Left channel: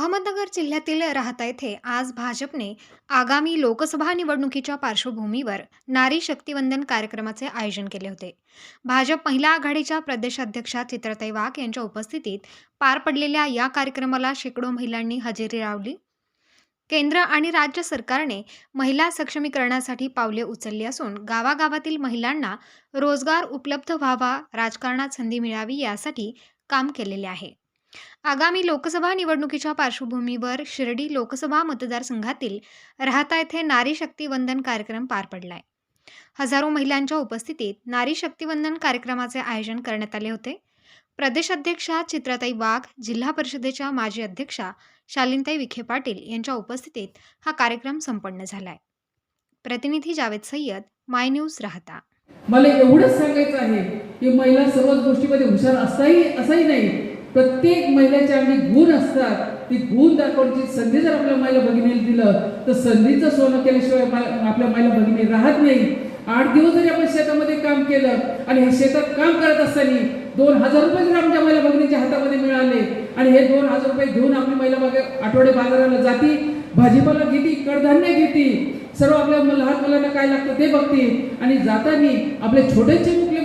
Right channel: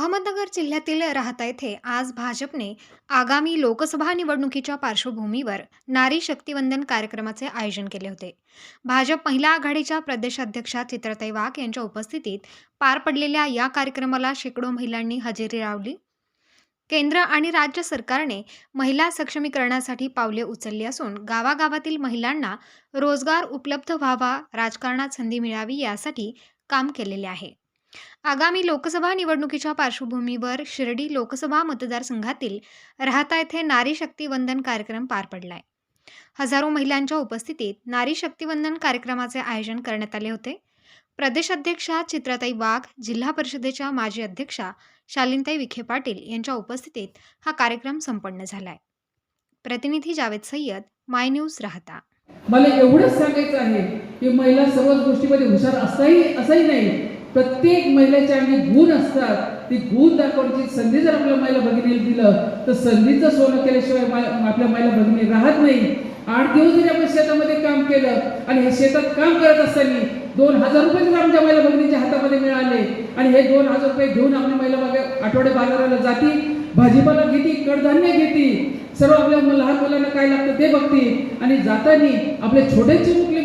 अहमदनगर जिल्ह्यातील राहता येथे आज भाजपने आगामी लोकसभा निवडणुकीच्या पार्श्वभूमीवर नारी शक्तिवंदन कार्यक्रमाचे आयोजन केले होते. भाजप महिला आघाडीच्या प्रदेशाध्यक्षा चित्रताई वाघ यांच्या उपस्थितीत पार पडलेल्या या कार्यक्रमाला शेकडो महिलांनी हजेरी लावली. केंद्र आणि राज्य सरकारने महिला सक्षमीकरणासाठी पावले उचलली असून गावागावातील महिलांना रोजगार उपलब्ध व्हावा राजकारणात संधी मिळावी यासाठी काम केलेले आहे. आगामी लोकसभा निवडणुकीच्या पार्श्वभूमीवर शिर्डी लोकसभा मतदारसंघातील राहता येथे नारी शक्ती वंदन कार्यक्रम पार पडलाय. हजारो महिलांच्या उपस्थितीत नारी शक्तिवंदन कार्यक्रमाचे आयोजन करण्यात आले होते. प्रदेशाध्यक्षा चित्राताई वाघ जिल्हा परिषदेच्या माजी अध्यक्षा शालिनताई विखे पाटील यांच्या उपस्थितीत हा कार्यक्रम संपन्न झालाय. प्रतिनिधी जावेद सय्यद माय न्यूज राहता. मला एवढंच सांगायचं आहे की महिला सर्वच गोष्टीमध्ये हुशार असाही असाही नाही. प्रत्येक महिलेच्या अंगी गुण असतात. ती गुण दाखवण्याची संधी जर आपल्या महिला भगिनीला दिलं तर संधीचं सोनं केल्याशिवाय आपल्या महिला भगिनी राहत नाही. आठ दिवस जरी आपण शेतामध्ये काम केलं आणि हे शेतात काम करत असताना दोन हजार रुपये जर आमच्या महिला भगिनीच्या हातामध्ये मिळाले आणि हे दोन हजार रुपये घेऊन आपली महिला बागे आठवडे बाजाराला जाती भाजीपाला घेती कडधान्य घेती सर्व आपल्या लहान मुलांना काय लागतं ते बघती आणि जाताना आपले छोटेची मुकली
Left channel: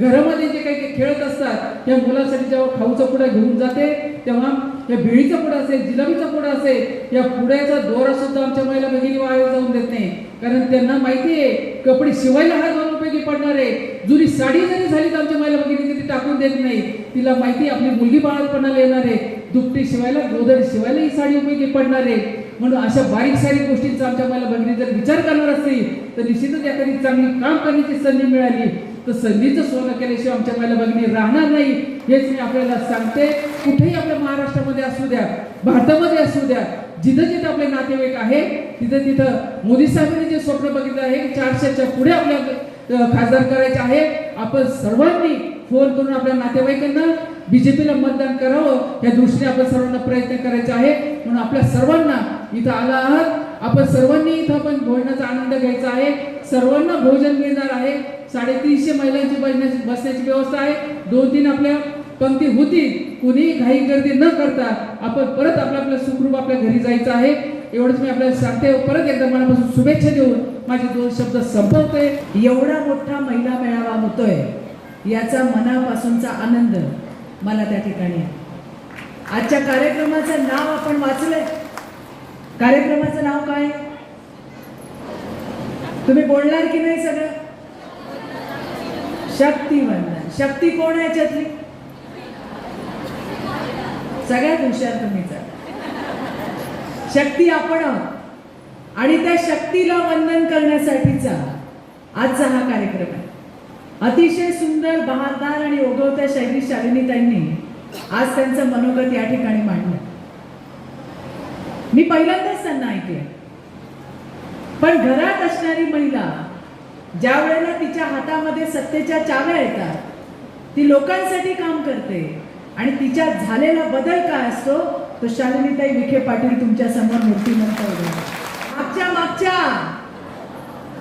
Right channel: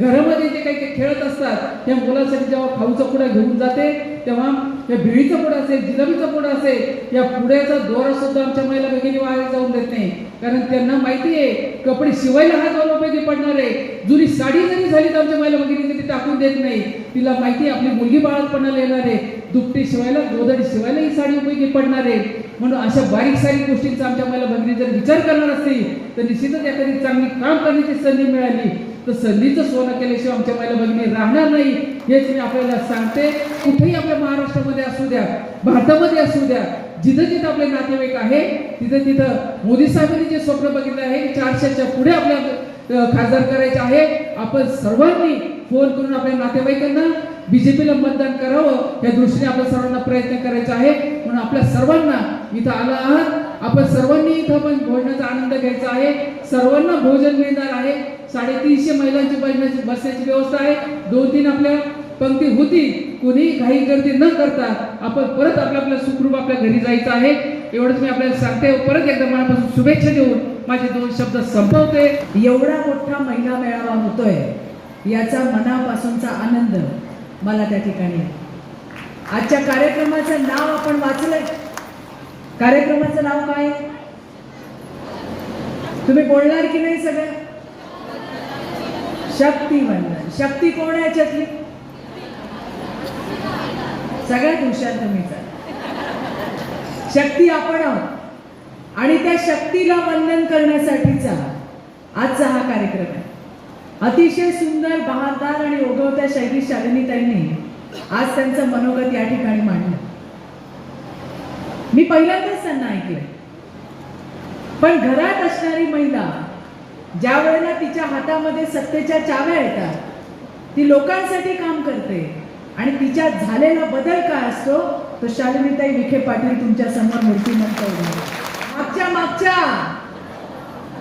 घरामध्ये जे काही काही खेळत असतात त्या मुलांसाठी जेव्हा खाऊचा पुडा घेऊन जाते तेव्हा या बिळीचा पुडा असेल जिलाबीचा पुडा असेल या पुड्याचा दोरा सुद्धा आमच्या महिला भगिनी वाया जाऊन देत नाही. कारण त्यांना माहिती आहे कपडे शिवायला हा दोन उपयोगी पडणार आहे. जुनी साडी जरी झाली तर आमच्या महिला भगिनी ती टाकून देत नाही. तिला माहिती आहे आपली मुलगी बाळापणाला येणार आहे. दुपटी शिवायला गोदडी शिवायला ही साडी उपयोगी पडणार आहे. म्हणून अशा बारीक सारीक गोष्टींचा आमच्या महिला भगिनी जर विचार करणार असतील तर निश्चितच एखादी चांगली काम करण्याची संधी मिळाली. तर संधीचं सोनं केल्याशिवाय आमच्या महिला भगिनी राहणार नाही हेच मी आपल्याला सांगते. कुठेही आपल्या महाराष्ट्रामध्ये असू द्या भारतामध्ये असू द्या जिथं जिथं आपले नातेवाईक आहे तिथं तिथं मोदी साहेबांनी जे स्वप्न बघितलं आहे चारशेच्या पुढे आपल्या खासदार करायचे आहे आपण सर्वांनी फोन करून आपल्या नातेवाईकांना बीजेपीला मतदान करावं या दृष्टीने आपण सर्वांना प्रयत्न करायचा आहे. म्हणून आपल्या सर्वांना इथं आला आहात. आपण सर्वांनी इथं आपण भोजनाचा आनंद घ्यायचा आहे. सर्वांना भोजन मिळणार आहे. साडेतीनशे महिलांची बसण्याची बसण्याची व्यवस्था आहे. दोन तीन आपल्या पंक्ती होती. कुणी घाई गर्दी न करता आपण परत आपल्या आपल्या सुखरूप आपल्या घरी जायचं आहे. एवढंच मी आपल्याला सांगते. परत एकदा मनापासून शुभेच्छा देऊन माझे दोन शब्द संपवते. एवढा मोठा महिला मेळावा होतोय. याचा मनापासूनचा आनंद मला त्या ठिकाणी आजच्या कार्यक्रमाचं नाव आपण वाचलंय. कार्यक्रमाचं नाव काय? आहे? तुम्ही बोलणार की नाही सगळं? शक्ती बनणार शक्ती कोण आहे याच्यातली? सगळ्यात हुशार तुम्हीचा शक्ती आपण आहोत. आणि त्या शक्तीला वंदन करण्यासाठीचा आजचा हा कार्यक्रम आहे. अतिशय सुंदर बहारदार आणि ओघवत्या शैली शालिनी त्यांनी आज त्यांचं मनोगत या ठिकाणी मांडलं. मी पहिल्यांदाच त्यांना ऐकलं पण घरात असणारी महिला ज्या वेळेला तिच्या हातामध्ये सत्तेच्या चाव्या येतात ती लोकांसाठी काम करते. आणि तिच्यात झालेला बदल काय असतो तो शालिनीताई विखे पाटील तुमच्यासमोर मूर्तिमंत मागच्या मागच्या!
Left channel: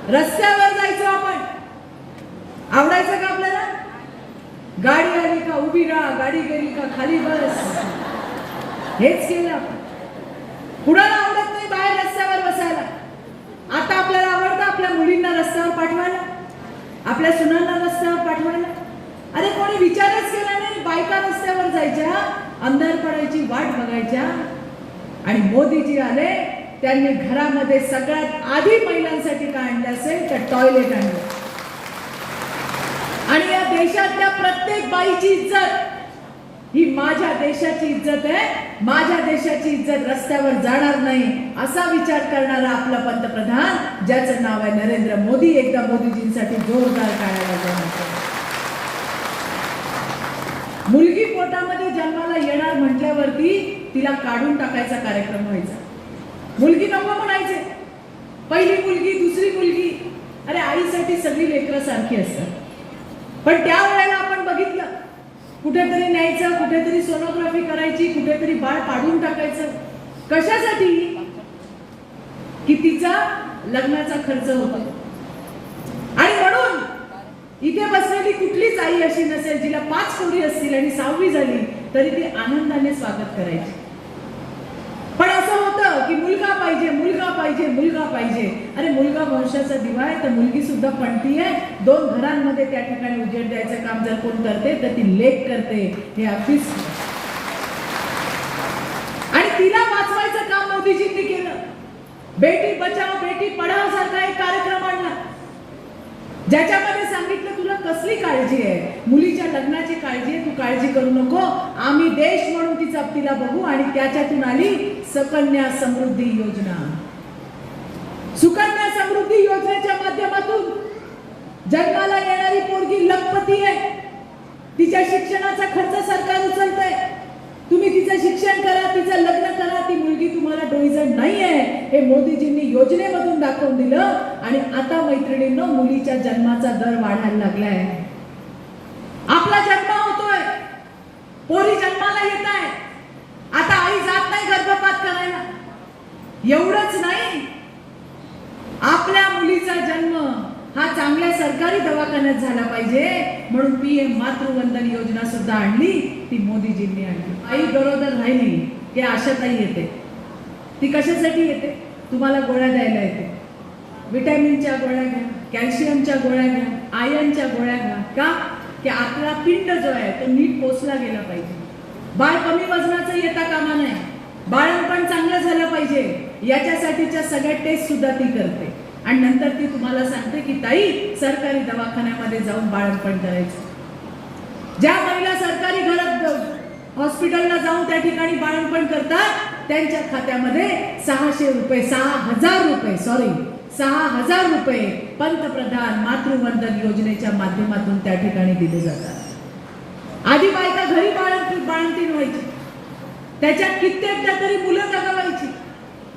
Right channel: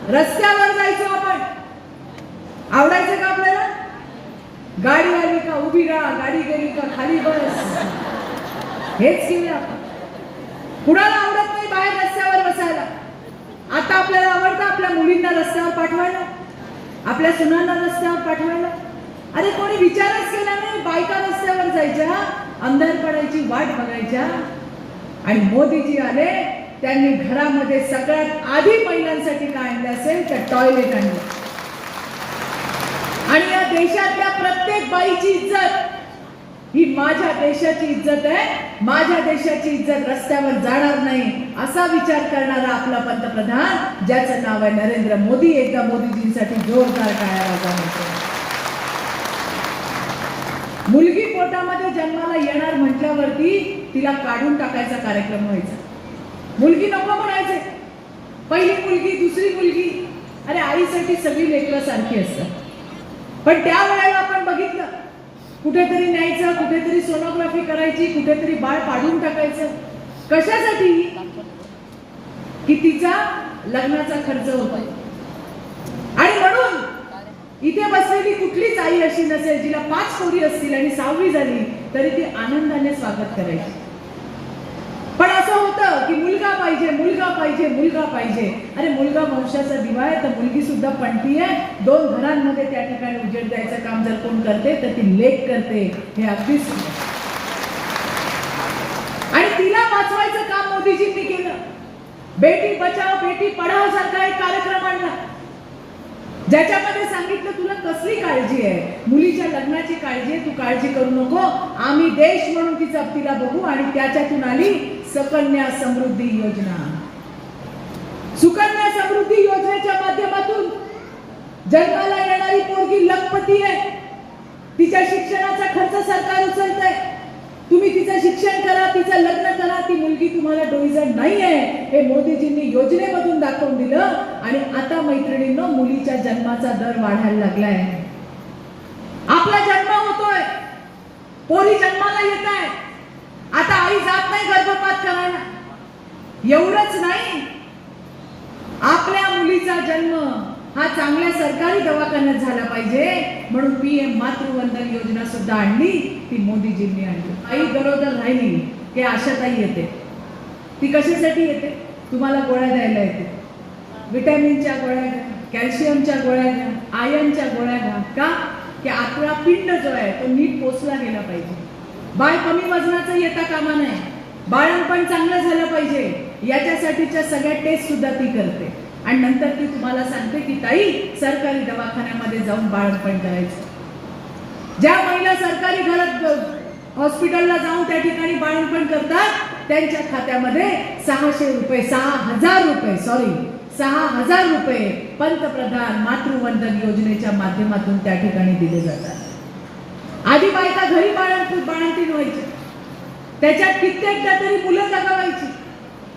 रस्त्यावर जायचो आपण. आवडायचं का आपल्याला? गाडी आली का उभी राहा गाडी गेली का खाली बस. हेच केलं आपण. कुणाला आवडत नाही बाहेर रस्त्यावर बसायला? आता आपल्याला आपल्या मुलींना रस्त्यावर पाठवायला? आपल्या सुनांना रस्त्यावर पाठवायला? अरे कोणी विचारच केला नाही बायका रस्त्यावर जायच्या आमदार पडायची वाट बघायच्या. आणि मोदीजी आले त्यांनी घरामध्ये सगळ्यात आधी महिलांसाठी काय आणलं असेल तर टॉयलेट आणलं. आणि या देशातल्या प्रत्येक बाईची इज्जत ही माझ्या देशाची इज्जत आहे. माझ्या देशाची इज्जत रस्त्यावर जाणार नाही असा विचार करणारा आपला पंतप्रधान ज्याचं नाव आहे नरेंद्र मोदी एकदा मोदीजींसाठी जोरदार टाळ्या मुलगी पोटामध्ये जन्माला येणार म्हटल्यावरती तिला काढून टाकायचा कार्यक्रम व्हायचा. मुलगी नको म्हणायचे. पहिली मुलगी दुसरी मुलगी. अरे आईसाठी सगळी लेकरं सारखी असतात. पण त्या वेळेला आपण बघितलं कुठेतरी न्यायचं कुठेतरी सोनोग्राफी करायची कुठेतरी बाळ काढून टाकायचं. कशासाठी? की तिचा लग्नाचा खर्च होता आणि म्हणून इथे बसलेली कुठलीच आई अशी नसेल जिला पाच कोरी असतील आणि सहावी झाली तरी ती आनंदाने स्वागत करायची. पाहिजे मुलगा पाहिजे मुलगा पाहिजे. अरे मुलगा वंशाचा दिवा आहे तर मुलगी सुद्धा पणती आहे. दोन घरांमध्ये त्या ठिकाणी उजेड द्यायचं काम जर कोण करते तर ती लेख करते. हे अगदीच आणि तिला वाचवायचं काम मोदीजींनी केलं. बेटी बचाव बेटी पढाव सारखा एक कार्यक्रम आणला. ज्याच्यामध्ये सांगितलं तुला कसली काळजी आहे? मुलीच्या लग्नाची काळजी आहे तू काळजी करू नको. आम्ही देश म्हणून तिचा तिला बघू आणि त्याच्यातून आली सकन्या समृद्धी योजना. सुकन्या समृद्धी योजनेच्या माध्यमातून जन्माला येणारी पोरगी लखपती आहे. तिच्या शिक्षणाचा खर्च सरकार उचलत आहे तुम्ही तिचं शिक्षण करा तिचं लग्न ती मुलगी तुम्हाला डोईजण नाही आहे हे मोदीजींनी योजनेमधून दाखवून दिलं आणि आता मैत्रिणींना मुलीच्या जन्माचा दर वाढायला लागलाय. आपला जन्म होतोय. पोरी जन्माला येत आहे आता आई जात नाही गर्भपात करायला. एवढंच नाही. आपल्या मुलीचा जन्म हा चांगल्या सरकारी दवाखान्यात झाला पाहिजे म्हणून पीएम मातृवंदन योजना सुद्धा आणली ती मोदीजींनी आणली. आई गरोदर राहिली. की आशाताई येते. ती कशासाठी येते? तुम्हाला गोळ्या द्यायला येते. विटॅमिनच्या गोळ्या घ्या कॅल्शियमच्या गोळ्या घ्या आयर्नच्या गोळ्या घ्या. का? की आपला पिंड जो आहे तो नीट पोचला गेला पाहिजे. बाळ कमी वजनाचं येता कामा नाही बाळपण चांगलं झालं पाहिजे. याच्यासाठीच्या सगळ्या टेस्ट सुद्धा ती करते. आणि नंतर ती तुम्हाला सांगते की ताई सरकारी दवाखान्यामध्ये जाऊन बाळपण करायचं. ज्या महिला सरकारी घरात हॉस्पिटलला जाऊन त्या ठिकाणी बाळणपण करतात. त्यांच्या खात्यामध्ये सहाशे रुपये सहा हजार रुपये सॉरी सहा हजार रुपये पंतप्रधान मातृवंदन योजनेच्या माध्यमातून त्या ठिकाणी दिले जातात. आधी बायका घरी बाळण बाळंतीण व्हायची. त्याच्यात कित्येकदा तरी मुलं जगावायची.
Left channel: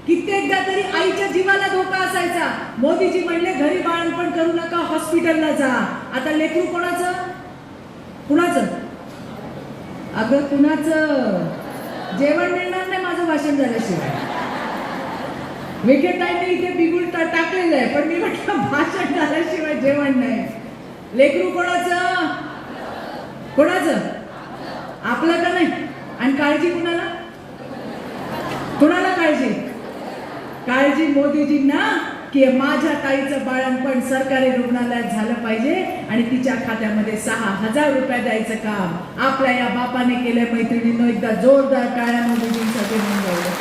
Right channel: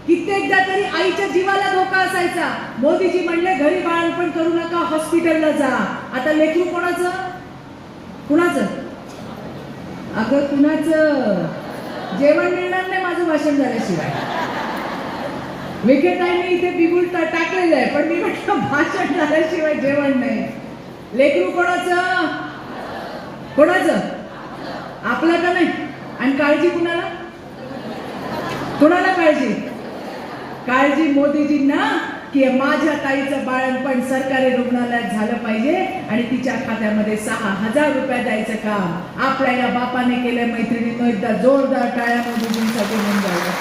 कित्येकदा तरी आईच्या जीवाला धोका असायचा. मोदीजी म्हणले घरी बाळणपण करू नका हॉस्पिटलला जा. आता लेखू कोणाचं? कुणाचं? अगं कुणाचं? जेवण मिळणार नाही माझं भाषण झाल्याशिवाय. विकेताईने इथे बिगुल टाकलेलं आहे पण मी म्हटलं भाषण झाल्याशिवाय जेवण नाही. लेकरू कोणाचं? कोणाचं? आपलं का नाही. आणि काळजी कुणाला? कुणाला काळजी? काळजी मोदीजींना? की माझ्या ताईचं बाळणपण सरकारी रुग्णालयात झालं पाहिजे आणि तिच्या खात्यामध्ये सहा हजार रुपये द्यायचं काम. आपल्या या बापाने केलं मैत्रिणीनं एकदा जोरदार टाळ्या मोदीजींसाठी म्हणून